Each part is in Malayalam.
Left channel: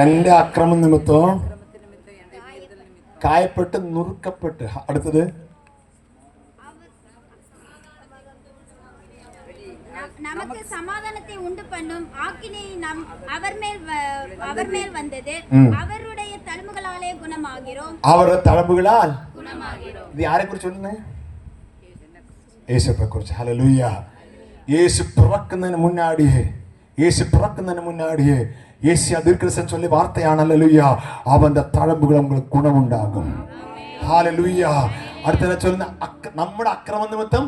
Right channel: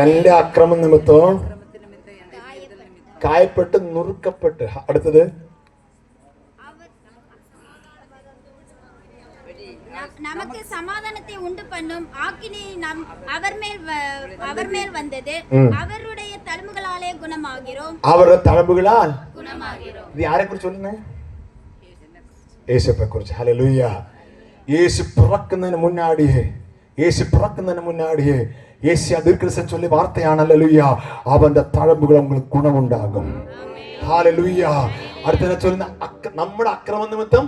എന്റെ അക്രമം നിമിത്തവും കായപ്പെട്ട് നുറുക്കപ്പെട്ട്. അടുത്തത് நமக்கு சமாதானத்தை உண்டு பண்ணும் ஆக்கினை அவர் மேல் வந்தது. அவருடைய தழும்புகளாலே குணமாகிறோம். അവരുടെ തഴമ്പുകളാൽ ഇത് ആരെ കുറിച്ച് പറയുന്നത്? യേശുവിനെ കുറിച്ച്. ഹല്ലേലൂയ. യേശു പിറക്കുന്നതിന് മുന്നാടിയേ യേശു ദീർഘദർശനം ചൊല്ലിയ വാർത്തയാണ്. ഹല്ലേലൂയ. അവന്റെ തഴമ്പുകൾ നമുക്ക് ഗുണമുണ്ടാകും. ഹല്ലേലൂയ. അടുത്ത ചൊല്ലുന്ന നമ്മുടെ അക്രമ നിമിത്തം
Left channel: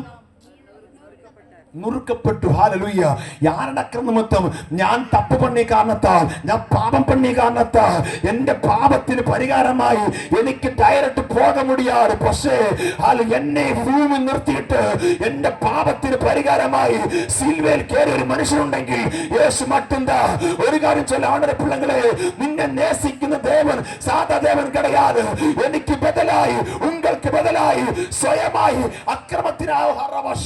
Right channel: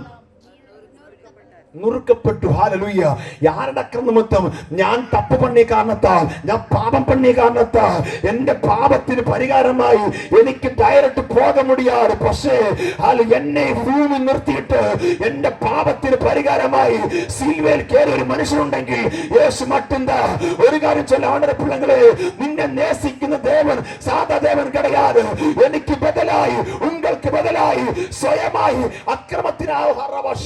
നുറുക്കപ്പെട്ടു. ഹല്ലേലൂയ. யாரோட அக்கிரம நிமித்தம்? ഞാൻ തപ്പ് പണിയ കാരണത്താൽ, ഞാൻ പാപം പണിയ കാരണത്താൽ എന്റെ പാപത്തിന് പരിഹാരമായി എനിക്ക് ഡയറക്റ്റ് പോക മുടിയാറ്. പക്ഷേ എന്നെ ഭൂമി നിർത്തിയിട്ട് എന്റെ പാപത്തിന് പരിഹാരമായി സിൽവേൽ കയറി ഒരു മനുഷ്യനുണ്ടെങ്കിൽ യേശു മറ്റുണ്ടാ. ഒരു കാര്യം ചൊല്ല ആണരെ പിള്ളങ്ങളെ, നിന്നെ നേസിക്കുന്ന ദേവൻ സാധാ ദേവൻ കിടയാതെ എനിക്ക് ബദലായി ഉങ്ങൾക്ക് ബദലായി സ്വയമായി അക്രമത്തിനായ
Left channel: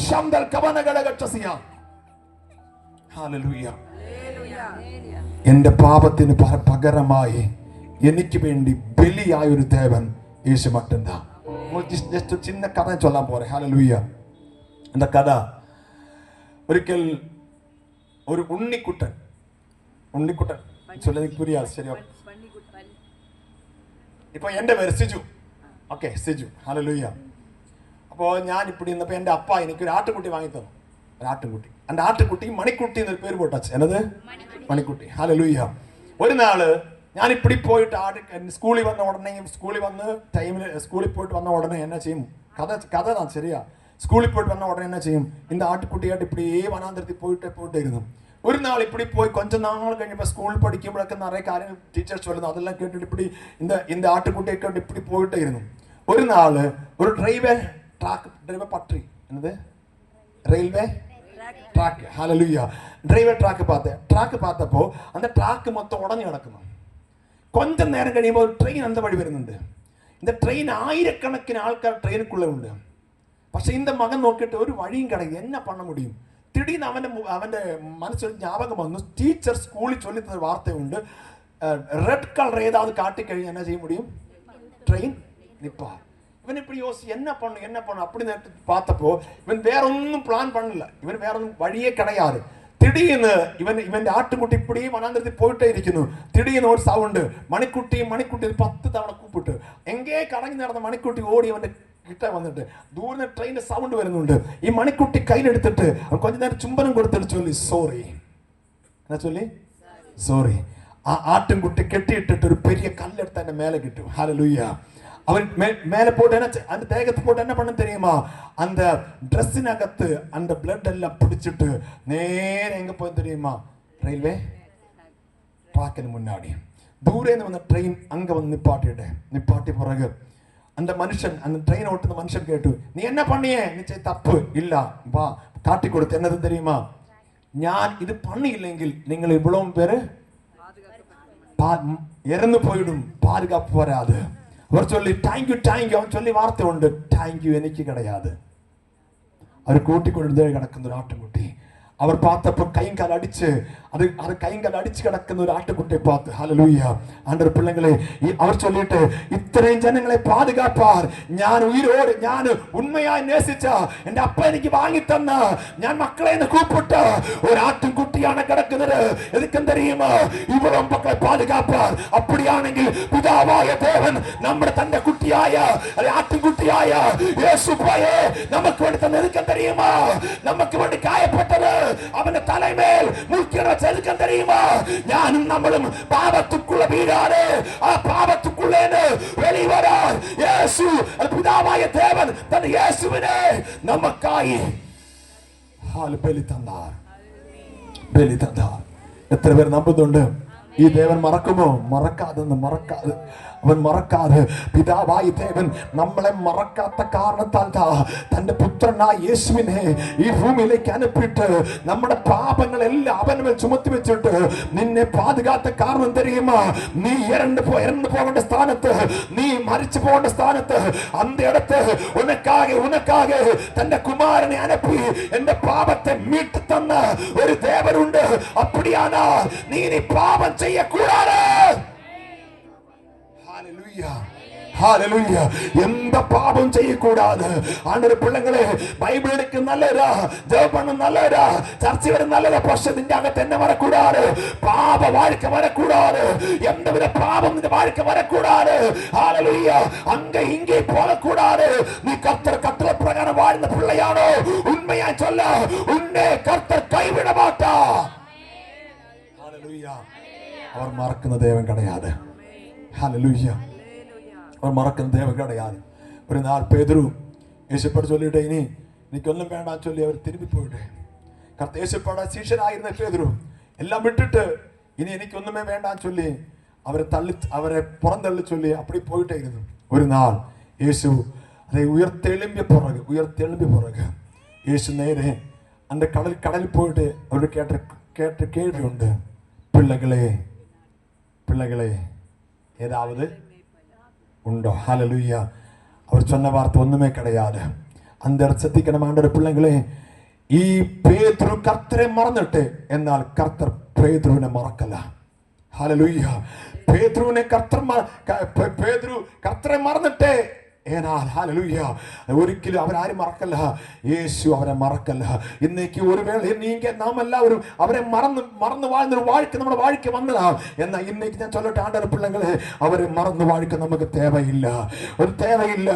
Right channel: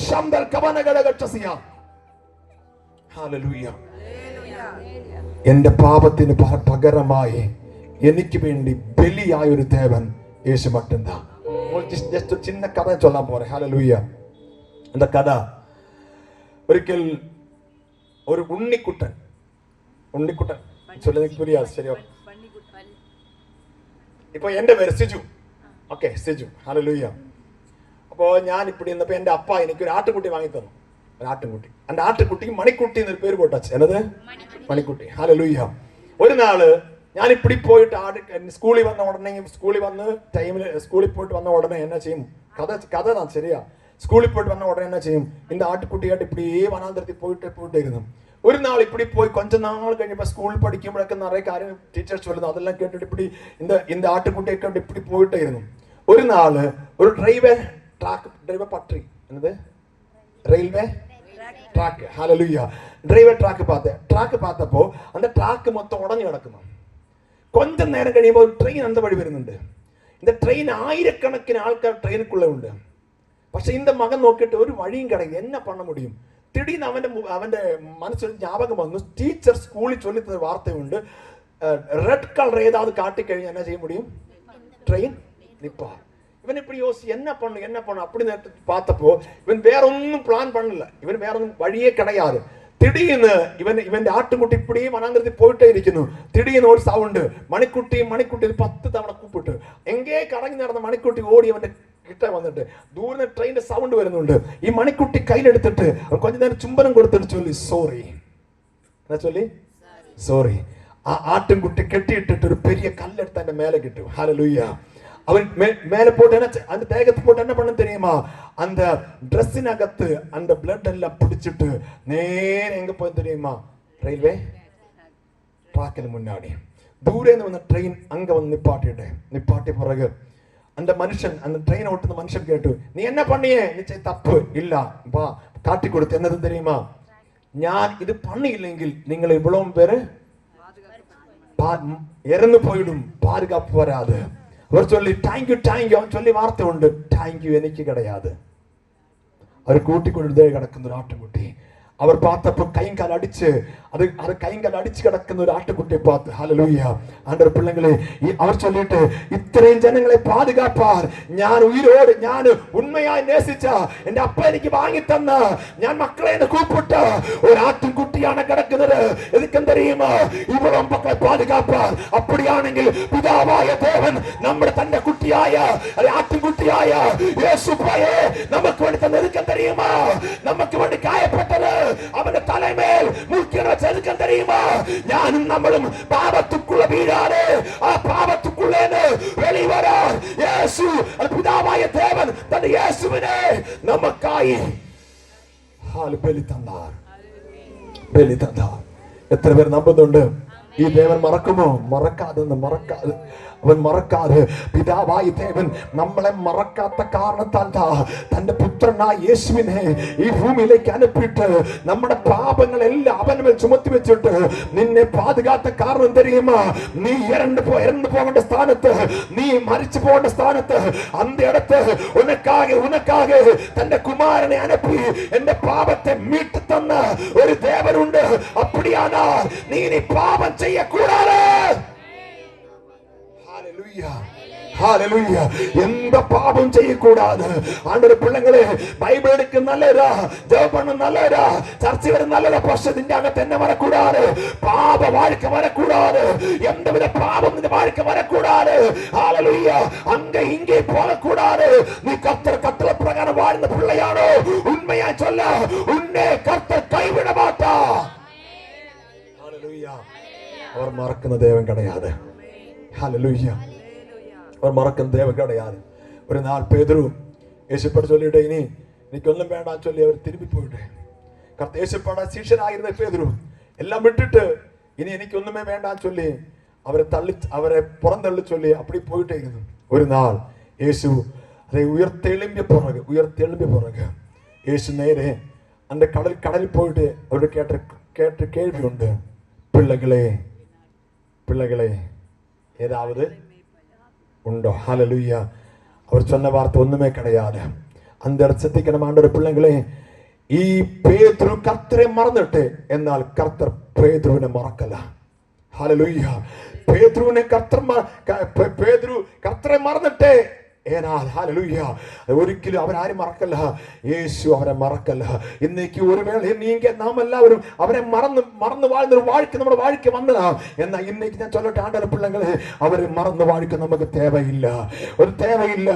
ശബ്ദ കവനകളെ എന്റെ പാപത്തിന് പകരമായി എനിക്ക് വേണ്ടി ബലിയായ ഒരു ദേവൻ യേശു മറ്റുണ്ടാ. ജസ്റ്റ് ചിന്ന കഥ ചൊല്ലാൻ പോരെ. ഹല്ലേലൂയ. എന്താ കഥ? ഒരിക്കൽ ഒരു ഉണ്ണിക്കുട്ടൻ ചൊല്ലിയ ശരിയോ? ഇപ്പൊ എന്റെ പേര് സിജു. ഓക്കെ, സിജു. ഹല്ലേലൂയ. അപ്പോൾ ഞാൻ ഇവിടെ ഇന്നപ്പോൾ എൻ്റെ അപ്പ എനിക്കൊരു ആട്ടുകുട്ടി വാങ്ങി തന്നു. ഒരു ആട്ടുകുട്ടി. എൻ്റെ ആട്ടുകുട്ടിക്ക് മണിക്കുട്ടി എന്നൊരു പേര് പോട്ടച്ച്. എന്നത് മണിക്കുട്ടി. ഹല്ലേലൂയ. ഒരു നാള് ഞാൻ ഇപ്പിടി പോയിട്ട് സ്കൂളിൽ വന്ന ഉടനെ സ്കൂളിൽ പോയിട്ട് വന്ന ഉടനെ എന്നാ ചെയ്യും? കഥ ശരിയാ. സ്കൂളിൽ പോയിട്ട് വന്ന ഉടനെ എന്നാ ചെയ്യും? இந்த ആട്ടുകുട്ടിയായിട്ട് ഇപ്പിടി വനാന്തരത്തിൽ പോയിട്ടായിരുന്നു. ഒരു നാൾ ഇപ്പിടി പോയി കൊഞ്ച നാൾ കഴിഞ്ഞപ്പോൾ സ്കൂളിൽ പഠിക്കുമ്പോഴൊക്കെ നിറയെ കാര്യം ടീച്ചേഴ്സ് ചൊല്ലുന്നു. അതെല്ലാം കേട്ടിട്ട് ഇപ്പിടി இந்த ആട്ടുകുട്ടിയൊക്കെ ഇപ്പിടി പോയിട്ടായിരുന്നു. ഒരു നാള് ഒരു റെയിൽവേ പട്ടറി എന്നത് railway track. Hallelujah. Railway track பார்த்தப்போ அந்த ട്രാക്ക് മൊത്തം ഉടഞ്ഞു കിടക്കുന്നു. கொஞ்ச നേരം കഴിയുമ്പോൾ ട്രെയിൻ அந்த വഴി വരുന്നുണ്ട്. இந்த ട്രെയിൻ ആയിരക്കണക്കിന് ആൾക്കാർ ട്രെയിനുക്കുള്ള ഉണ്ട്. പക്ഷെ இந்த മകൻ നോക്കിയിട്ട് ഒരു വഴിയും കിടങ്ങി എന്നാ പണ മുടിയും. തിടീന്ന് അവന്റെ മനസ്സിൽ ஞாபகம் വന്നു. ടീച്ചർ സ്കൂളിൽ ചൊല്ലിത്ത വാർത്തയുണ്ട്. റെഡ് കളർ ഏതാவது കാട്ടിക്കഴിഞ്ഞാൽ എന്നാ ചെയ്യാൻ முடியும்? Train Nipah. ഇവൻ இப்படி யோசி என்ன பண்ணும் அப்படி നേരത്തെ பார்த்தப்போ இவன் வேற ஒன்றும் பிளான் பண்ணல. இவன் வேற ஒன்றும் വഴിയേ கிடையாது. திடீர்னு ഇവന്റെ ആട്ടുകുട്ടി ഇപ്പടി വനാന്തരത്തിൽ പോയിട്ടേ ഇരിക്കുന്നു. തിടീന്ന് ഒരു സൗണ്ട്. മണിക്കുട്ടി 10 തവണ കൂപ്പിട്ട് എങ്കേ കറങ്ങി നടന്ന മണിക്കുട്ടി ഓടി അവന്റെ കിട്ട വന്നിട്ട് ദൂരെ ട്രെയിനിന്റെ സൗണ്ട് വരുന്നുണ്ട്. ഈ മണിക്കുട്ടി കയ്യിലെടുത്തിട്ട് கொஞ்ச നേരം ചുംബനം കൊടുത്തിട്ട് ചൊല്ലി സോറി. ആ ആട്ടുംകുട്ടി കെട്ടിയിട്ടിട്ട് ഒരു പെരിയ കല്ലെടുത്ത് എന്റെ മേലെ കിട്ടും. ഹല്ലേലൂയ. அவன் மேலே போட்டு அந்த தேகத்தை போட்டு என்ன பண்ண தெரியுமா? அந்த ட்ரெஸ்ஸினகத்து அந்த பிளட் எல்லாம் பிடிச்சிட்டு நேர எங்க போய் தெரியுமா? ரயில்வே ட்ராக்கிന് മുന്നാടി ദൂരേന്ന് വന്ന ട്രെയിൻ അങ്ക വന്ന് നിപ്പാട്ടി പുറകെ அந்த മനുഷ്യൻ அந்த ട്രെയിൻ ഓട്ടുന്ന മനുഷ്യൻ കേട്ടു. നീ എന്നെ പണിയേ? തപ്പ് ഇല്ല, വാ കാട്ടിക്കൊടുത്ത്. എന്നതും தெரியுமா? ഞാൻ ഇത് പണിയില്ലെങ്കിൽ നിങ്ങൾ ഇവളവും പേര് ഇറന്നു പോയിടും, പാതുകാപ്പ് വരാതെ. അവർ ചൊല്ലി താങ്ക് യു അവൻ ചൊല്ലി വാർത്ത ഉണ്ട്. താങ്ക് യു എനിക്ക് കിടയാതെ. അവർ കൂട്ടിക്കൊണ്ടു കിടക്കുന്ന ഒരു ആട്ടുകുട്ടി. അവർ பார்த்தப்போ கைங்கால் அடிச்சு கிடക്കുന്ന ഒരു ആട്ടുകുട്ടിയെ பார்த்து ഹല്ലേലൂയ. ആണ്ടവർ പിള്ളങ്ങളെ അവർ ചൊല്ലിട്ട് ഇത്രയും ജനങ്ങളെ പാതുകാപ്പാർ ഞാൻ ഉയിരോട് ഞാൻ ഉണ്മയായി നേസിച്ച എന്റെ അപ്പ എനിക്ക് വാങ്ങി തന്ന ഞാൻ മക്കളെ കൂപ്പിട്ട ഒരു ആട്ടുകുട്ടിയാണ് കിടക്കുന്നത്. എതുക്കും தெரியுமா? ഇവരും മക്കളെ പാതുകാപ്പാർ. அப்படிയാണെങ്കിൽ പിതാവായ ദേവൻ നമ്മുടെ തന്റെ കുട്ടിയായ ആട്ടുകുട്ടിയായ യേശുവേ നമുക്ക് വേണ്ടി തന്നെ എതുക്കും தெரியுமா? നമുക്ക് വേണ്ടി കായപ്പെട്ടത് അവന്റെ തലമേൽ മുൾക്കിട ചെറുക്കം தெரியுமா? ഞാനും നമ്മളും പാപത്തുക്കുള്ള വീഴാതെ ആ പാപത്തുക്കുള്ളേന് വെളിവരാൻ യേശു പിതാവായ ദേവൻ തന്റെ യേശുവിനെ നമുക്കായി ബലി തന്നാർ. എത്ര പേർ നമ്പുന്നുണ്ട്? ഈ ദേവൻ മറക്കുമോ? മറക്കാതെ അവൻ മറക്കാതെ പിതാവായ ദേവൻ നമ്മളെ മറക്കാത്ത കാരണത്താൽ തന്റെ പുത്രനായ യേശുവിനെ ഈ ഭൂമിയിലേക്ക് അനുപ്പിട്ട് നമ്മുടെ പാപങ്ങളെല്ലാം അവന്മേൽ ചുമത്തി വെച്ചിട്ട് നിന്നെ പാതുകാത്ത കാരണം தெரியுமா? നീ ഇറന്നു പോകേണ്ട സ്ഥാനത്ത്, നീ മരിച്ചു പോകേണ്ട സ്ഥാനത്ത് അന്ത ഇടത്ത് ഉനക്കാകെ തന്റെ കുമാരനെ അനുപ്പി എന്റെ പാപത്തെ മീട്ട് തന്ന ഒരു ദേവനുണ്ട്. അപ്പടിയാണ് നീ പാപം ചെയ്യക്കൂടാതെ ஹalleluya. எந்த பாவம் செய்யக்கூடாது. ஆண்டவரே பிள்ளைகளே, பைபிள் எடுக்க நல்லதா, ஜெபம் பண்ண நல்லதா, சர்ச்சை வர நல்லதா, பரிசுத்தத்தின் அகத்து என்ன வரக்கூடாது, பாவ வாழ்க்கை வரக்கூடாது, எந்தவித பாவம் இந்த வாழ்க்கை வரக்கூடாது. ஹalleluya. அங்க இங்கே போகக்கூடாது. நீ கர்த்தர் கட்டளை பிரகாரம் வாழ்ந்த பிள்ளையானோ, உண்மையா சொல்ல, உன்னை கர்த்தர் கைவிட மாட்டார். ஹalleluya. அவர் மறക്കുന്ന தேவன் கிடையாது. ஹalleluya. அவர் மறക്കുന്ന தேவன் கிடையாது. ஒரு நாள் பேதுரு യേശുപ്പட சொல்லிட்டு இனி എനിക്കൊന്നും വേണ്ടാന്ന് சொல்லி அவர் திரும்பி போயிட்டு, கர்த்தர் യേശുப்பட ശിഷ്യനായിരുന്ന പേതുരു എല്ലാം വിട്ടിട്ട് ഇനി എനിക്കൊന്നുമേ വേണ്ടാന്ന് சொல்லி അവരെ പുറന്തള്ളി சொல்லி அப்படி போயிட்டே இருந்தது. ஒரு நாள் യേശു அதை உயർത്തെഴുம்பிയ பிறகு യേശു നേരെ அந்த கடலில் போயிட்டு அவரு கேட்ட கேள்வி உண்டு, பிள்ளைகளே ஏதாவது உண்டோ? ஹalleluya. அவர் சொன்ன வார்த்தை ஒண்ணுமே கிடையாது. அந்த ശ്രദ്ധിക്കണം ആണ്ടവരുടെ പിള്ളകളെ, ഈ പേതുരു കർത്തരെ മറന്നിട്ട്, എന്നാൽ കർത്തർ പേതുരുവിനെ മറക്കല്ല. ഹല്ലേലൂയ. പേതുരു കർത്തരെ മറന്നിട്ട്, ഹല്ലേലൂയ, ഒരിക്കലും അവരാരും മറക്കല്ല. യേശു അവരെ മറക്കല്ല. ഇന്നേക്ക് ഒരു വേള നാം എല്ലാവരും അവരെ മറന്നു வாழ்ന്നൊരു வாழ்க்கை നമ്മുടെ வாழ்க்கை വന്നതാ. എന്നാൽ ഇന്നേക്ക് ഞാൻ ചൊല്ലട്ടെ ആണ്ടവരുടെ പിള്ളകളെ, അവരെ മറന്നു வாழ்க்கை നമുക്ക് தேவையில்ல. ഒരു தேவையில்ல.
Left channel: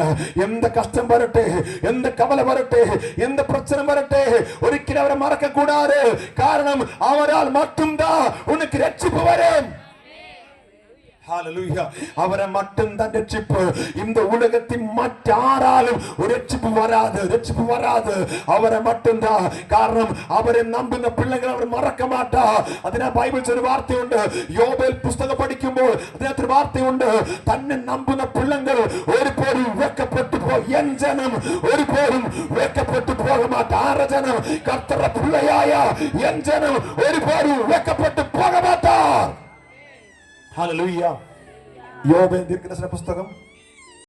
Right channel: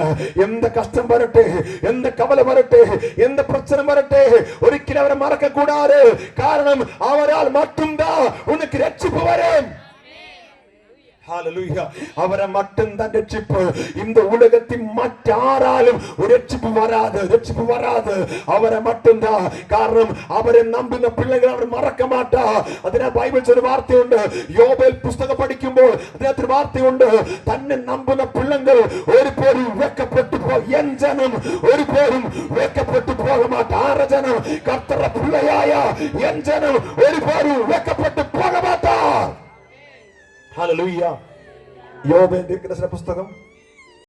എന്ത് കഷ്ടം വരട്ടെ, എന്ത് കവല വരട്ടെ, എന്ത് പ്രശ്നം വരട്ടെ, ഒരിക്കലും അവരെ മറക്ക കൂടാതെ. കാരണം അവരാൽ மட்டும்தான் உனக்கு ரட்சிப்பு வரும். ஹalleluya. அவரை மட்டும்தான் ரட்சிப்பு. இந்த உலகத்தின் மറ്റാராலும் ஒரு ரட்சிப்பு வராது. அவரை மட்டும்தான். കാരണം അവരെ നമ്പുന്ന പിള്ളകൾ അവർ മറക്ക മാട്ടാ. അതിനാ ബൈബിളിൽ ഒരു വാർത്തയുണ്ട്. യോബേൽ പുസ്തകം പഠിക്കുമ്പോൾ അതിനകത്ത് വാർത്തയുണ്ട്, തന്നെ നമ്പുന്ന പിള്ളകൾ ഒരു പേരും വെക്കപ്പെട്ടു എൻ ജനം ഒരു പേരും വെക്കപ്പെട്ടു പോക മാട്ടാ. ആറ് ജനം കർത്തരുടെ പിള്ളയായ എൻ ജനം ഒരു പേരും വെക്കപ്പെട്ടു പോക മാട്ടാ. ഹല്ലേലൂയ. യോബേൽ ദീർഘദർശന പുസ്തകം